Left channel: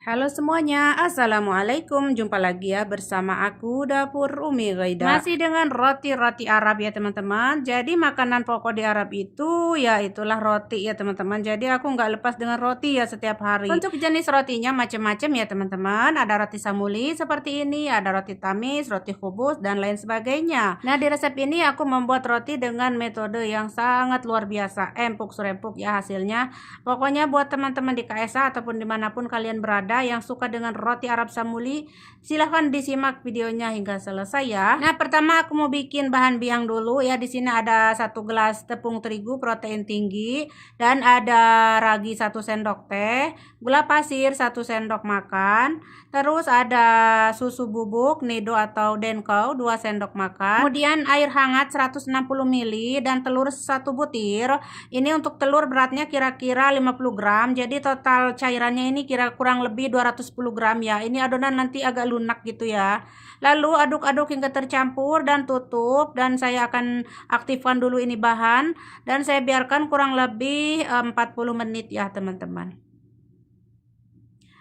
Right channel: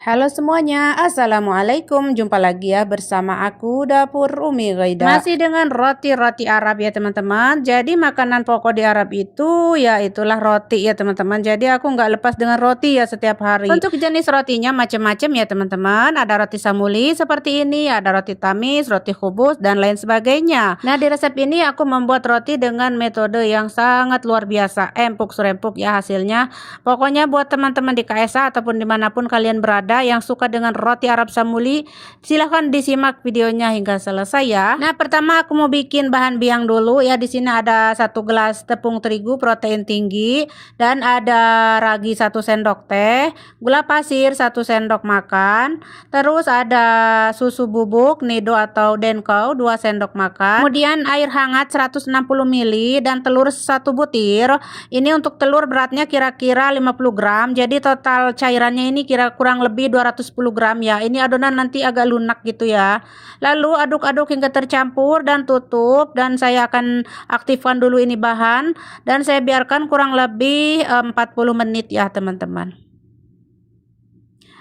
Halo semuanya, Assalamualaikum. Jumpa lagi ya bersama aku Dapur Umi Ghaida. Masih dengan roti-roti Arab ya teman-teman. Jadi makanan pokok di Arab itu ya itulah roti ya teman-teman. Jadi aku nggak lepas dengan roti ya setiap hari. Untuk jenis rotinya macam-macam ya teman-teman. Ada roti samuli seperti ini, ada roti tamis, roti khubus dan lain sebagainya. Nah di resep ini aku membuat roti dengan metode yang sangat luar biasa. Empuk serempuk ya hasilnya. Pokoknya buat teman-teman di KSA ataupun dimanapun kalian berada yang suka dengan roti Arab Samuli, silahkan disimak videonya hingga selesai ya. Nah pertama aku mau bikin bahan biang dulu ya. Di sini ada 1 gelas tepung terigu protein tinggi dan ada ragi 1 sendok teh, gula pasir 1 sendok makan, terus ada susu bubuk nido atau denkau 2 sendok makan, kemudian air hangat 160 ml dan telur 1 butir. Ini untuk telur beratnya kira-kira 50 gram, jadi total cairannya ini kurang lebih 210 gram ya. Ini adonan nanti agak lunak gitu ya. Lalu aduk-aduk hingga tercampur dan tutup, dan saya akan aktifkan dulu ini bahan dan saya biarkan kurang lebih 40 menit ya teman-teman.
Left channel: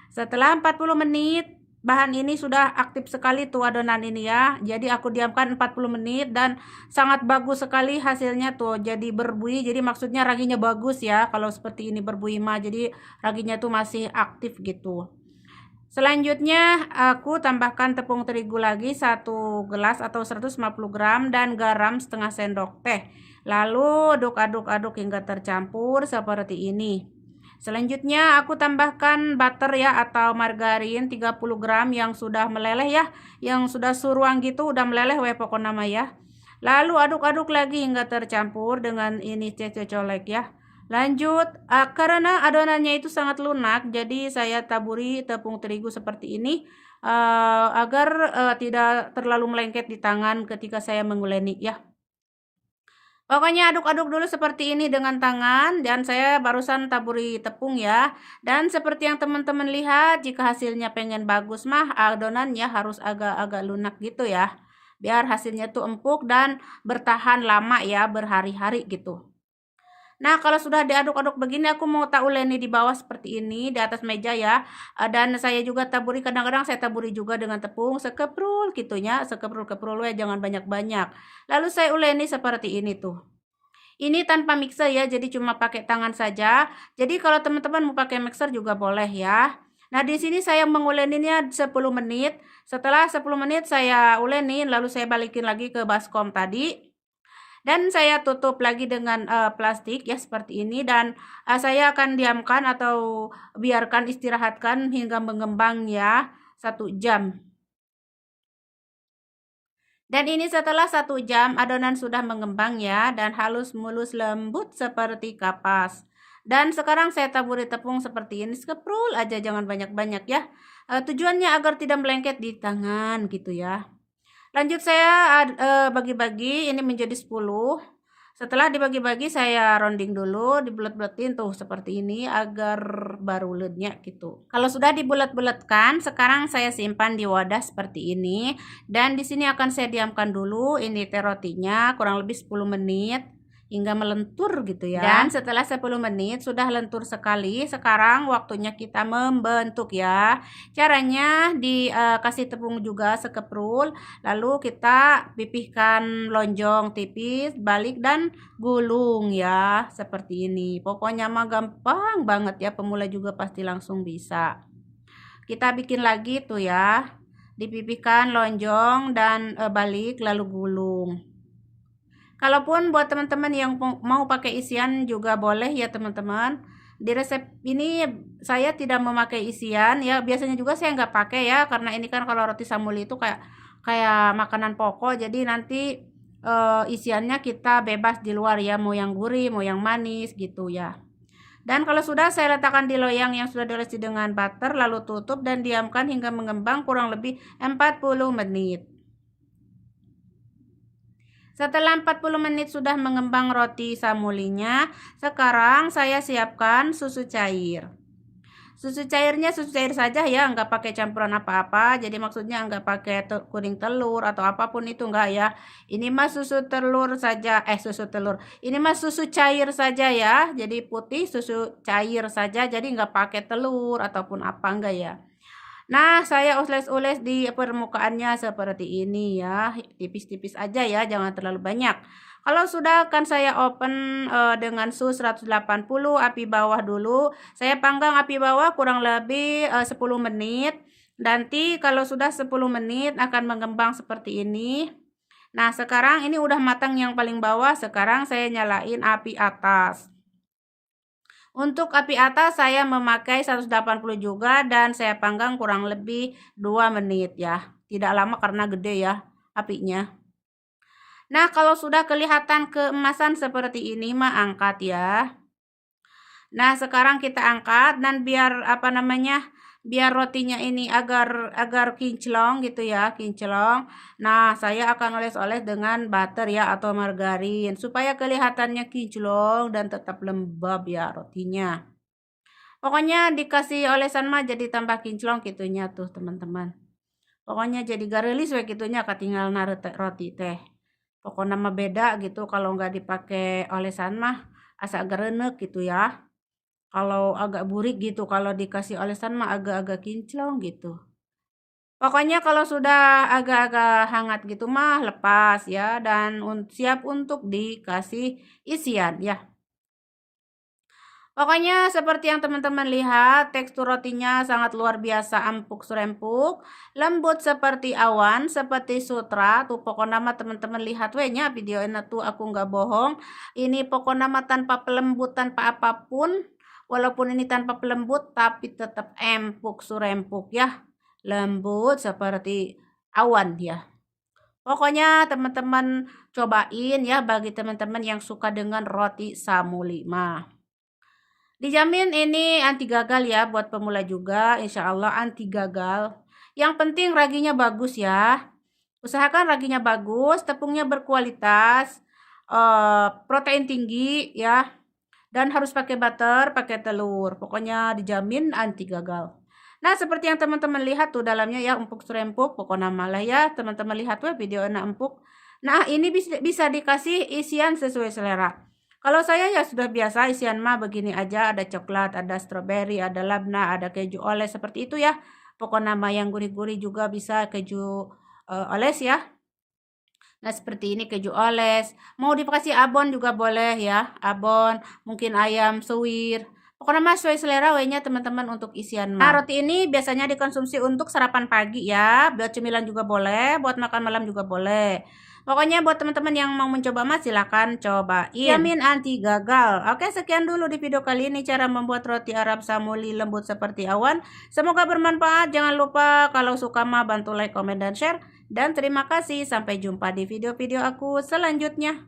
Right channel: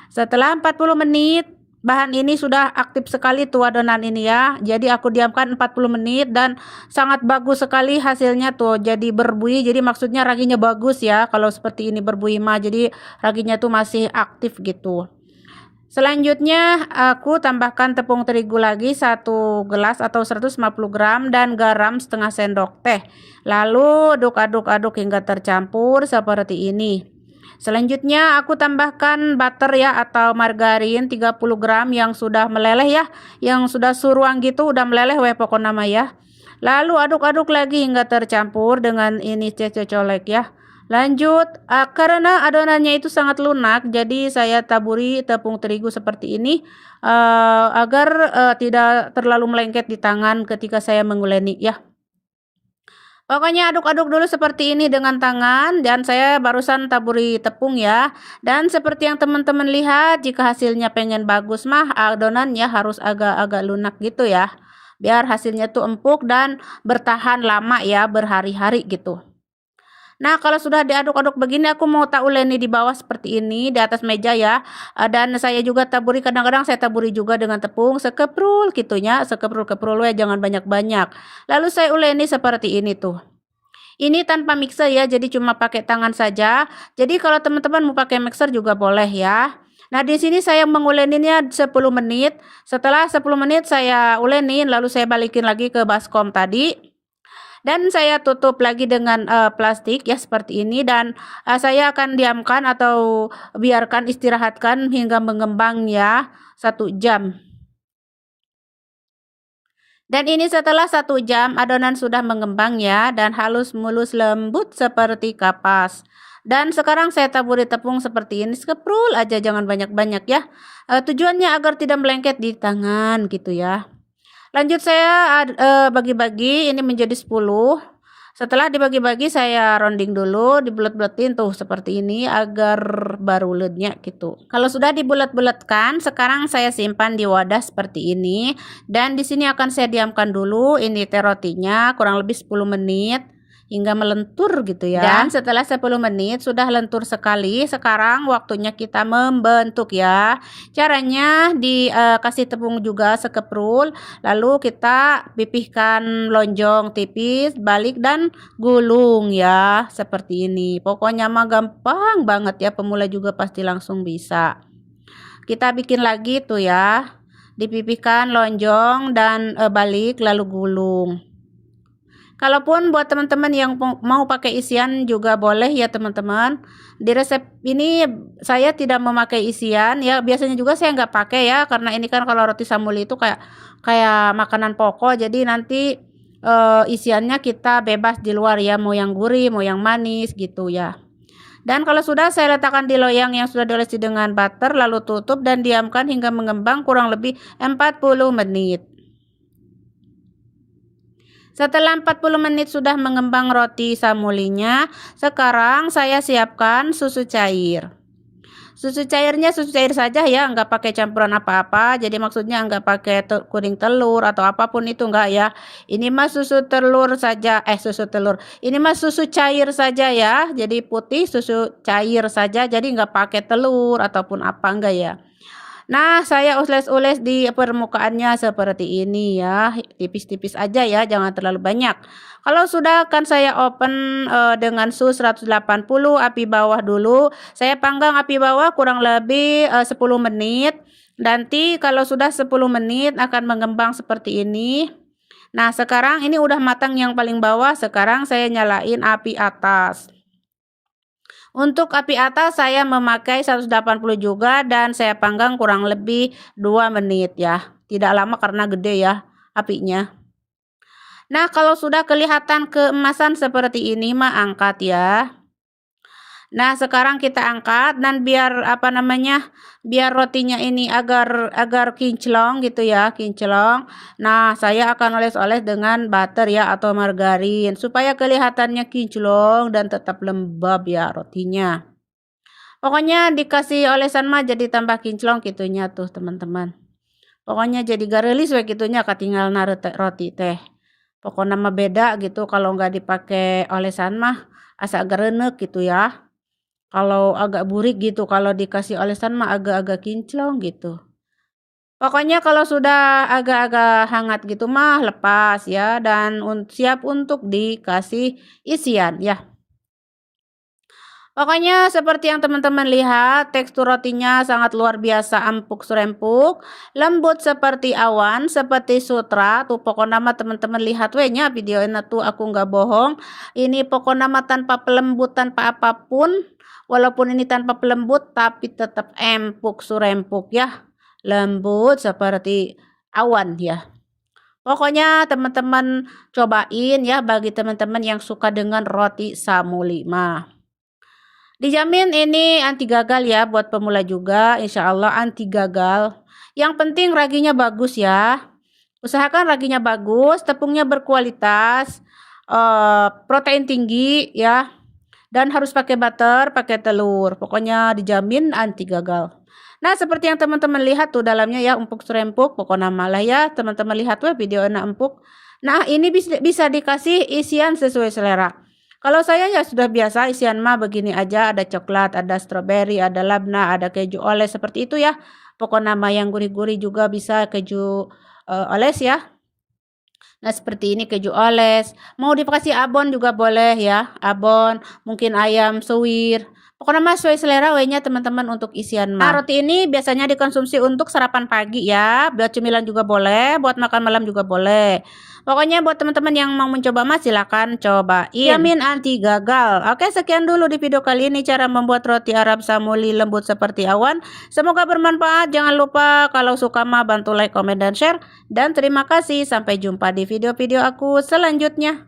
Setelah 40 menit bahan ini sudah aktif sekali tuh adonan ini ya. Jadi aku diamkan 40 menit dan sangat bagus sekali hasilnya tuh. Jadi berbuih, jadi maksudnya raginya bagus ya. Kalau seperti ini berbuih mah jadi raginya tuh masih aktif gitu. Selanjutnya aku tambahkan tepung terigu lagi 1 gelas atau 150 gram dan garam setengah sendok teh. Lalu aduk-aduk hingga tercampur seperti ini. Selanjutnya aku tambahkan butter ya atau margarin 30 gram yang sudah meleleh ya, yang sudah suruang gitu, udah meleleh we pokok nama ya. Lalu aduk-aduk lagi hingga tercampur dengan ini cocolek ya. Lanjut, karena adonannya itu sangat lunak, jadi saya taburi tepung terigu seperti ini agar tidak terlalu melengket di tangan ketika saya menguleni ya. Pokoknya aduk-aduk dulu seperti ini dengan tangan, dan saya barusan taburi tepung ya. Dan seperti yang teman-teman lihat, jika hasilnya pengen bagus mah adonannya harus agak-agak lunak gitu ya. Biar hasilnya tuh empuk dan bertahan lama ya, berhari-hari gitu. Nah, kalau sudah diaduk-aduk begini, aku mau tak uleni di bawah seperti ini, di atas meja ya. Dan saya juga taburi, kadang-kadang saya taburi juga dengan tepung sekeprul gitunya, sekeprul-keprul ya, jangan banyak-banyak. Lalu saya uleni seperti ini tuh. Ini tanpa mixer ya, jadi cuma pakai tangan saja. Jadi kalau teman-teman mau pakai mixer juga boleh ya. Nah, di sini saya menguleninnya 10 menit. Setelah 10 menit saya ulenin, lalu saya balikin lagi ke baskom tadi. Dan saya tutup lagi dengan plastik ya seperti ini, dan saya akan diamkan atau biarkan istirahatkan hingga mengembang ya 1 jam. Dan ini setelah 1 jam adonan sudah mengembang ya, dan halus mulus lembut seperti kapas. Dan sekarang saya taburi tepung seperti ini, sekeprul aja, jangan banyak-banyak ya. Tujuannya agar tidak melengket di tangan gitu ya. Lanjut saya bagi-bagi ini menjadi 10. Setelah dibagi-bagi saya rounding dulu, dibulet-buletin tuh seperti ini agar baru lednya gitu. Kalau sudah dibulet-buletkan, sekarang saya simpan di wadah seperti ini, dan di sini akan saya diamkan dulu ini teh rotinya kurang lebih 10 menit hingga melentur gitu ya. Dan setelah 10 menit sudah lentur sekali, sekarang waktunya kita membentuk ya. Caranya dikasih tepung juga sekeprul, lalu kita pipihkan lonjong tipis, balik dan gulung ya seperti ini. Pokoknya mah gampang banget ya, pemula juga pasti langsung bisa. Kita bikin lagi tuh ya, dipipihkan lonjong dan balik lalu gulung. Kalaupun buat teman-teman yang mau pakai isian juga boleh ya teman-teman. Di resep ini saya tidak memakai isian ya, biasanya juga saya nggak pakai ya, karena ini kan kalau roti samuli itu kayak makanan pokok, jadi nanti isiannya kita bebas di luar ya, mau yang gurih mau yang manis gitu ya. Dan kalau sudah, saya letakkan di loyang yang sudah diolesi dengan butter, lalu tutup dan diamkan hingga mengembang kurang lebih 40 menit. Setelah 40 menit sudah mengembang roti samulinya, sekarang saya siapkan susu cair. Susu cairnya susu cair saja ya, nggak pakai campuran apa-apa. Jadi maksudnya nggak pakai kuning telur atau apapun itu nggak ya. Ini mah susu telur saja, susu telur. Ini mah susu cair saja ya. Jadi putih susu cair saja. Jadi nggak pakai telur ataupun apa enggak ya. Nah, saya ules-ules di permukaannya seperti ini ya, tipis-tipis aja ya, jangan terlalu banyak. Kalau sudah akan saya open dengan suhu 180 api bawah dulu. Saya panggang api bawah kurang lebih 10 menit. Nanti kalau sudah 10 menit akan mengembang seperti ini. Nah, sekarang ini udah matang yang paling bawah, sekarang saya nyalain api atas. Untuk api atas saya memakai 180 juga dan saya panggang kurang lebih 2 menit ya. Tidak lama karena gede ya apinya. Nah, kalau sudah kelihatan keemasan seperti ini mah angkat ya. Nah, sekarang kita angkat dan biar biar rotinya ini agar kinclong gitu ya, kinclong. Nah, saya akan oles-oles dengan butter ya atau margarin supaya kelihatannya kinclong dan tetap lembab ya rotinya. Pokoknya dikasih olesan mah jadi tambah kinclong gitunya tuh teman-teman. Pokoknya jadi garelis we gitunya katinggal roti teh. Pokoknya mah beda gitu kalau nggak dipakai olesan mah asa gerenek gitu ya. Kalau agak burik gitu, kalau dikasih olesan mah agak-agak kinclong gitu. Pokoknya kalau sudah agak-agak hangat gitu mah lepas ya dan siap untuk dikasih isian ya. Pokoknya seperti yang teman-teman lihat, tekstur rotinya sangat luar biasa empuk serempuk, lembut seperti awan, seperti sutra. Tuh pokoknya mah teman-teman lihat nya video ini tuh aku nggak bohong. Ini pokoknya mah tanpa pelembut, tanpa apapun. Walaupun ini tanpa pelembut tapi tetap empuk surempuk ya. Lembut seperti awan ya. Pokoknya teman-teman cobain ya bagi teman-teman yang suka dengan roti samuli mah. Dijamin ini anti gagal ya buat pemula juga, insya Allah anti gagal. Yang penting raginya bagus ya. Usahakan raginya bagus, tepungnya berkualitas, protein tinggi ya. Dan harus pakai butter, pakai telur. Pokoknya dijamin anti gagal. Nah, seperti yang teman-teman lihat tuh dalamnya ya empuk serempuk, pokoknya malah ya teman-teman lihat tuh video enak empuk. Nah, ini bisa dikasih isian sesuai selera. Kalau saya ya sudah biasa isian mah begini aja, ada coklat, ada stroberi, ada labna, ada keju oles seperti itu ya. Pokoknya mah yang gurih-gurih juga bisa keju oles ya. Nah, seperti ini keju oles. Mau dikasih abon juga boleh ya, abon, mungkin ayam suwir. Pokoknya mah sesuai selera nya teman-teman untuk isian mah. Nah, roti ini biasanya dikonsumsi untuk sarapan pagi ya, buat cemilan juga boleh, buat makan malam juga boleh. Pokoknya buat teman-teman yang mau mencoba mah silakan cobain. Jamin anti gagal. Oke, sekian dulu di video kali ini cara membuat roti Arab samuli lembut seperti awan. Semoga bermanfaat. Jangan lupa kalau suka mah bantu like, komen, dan share. Dan terima kasih. Sampai jumpa di video-video aku selanjutnya.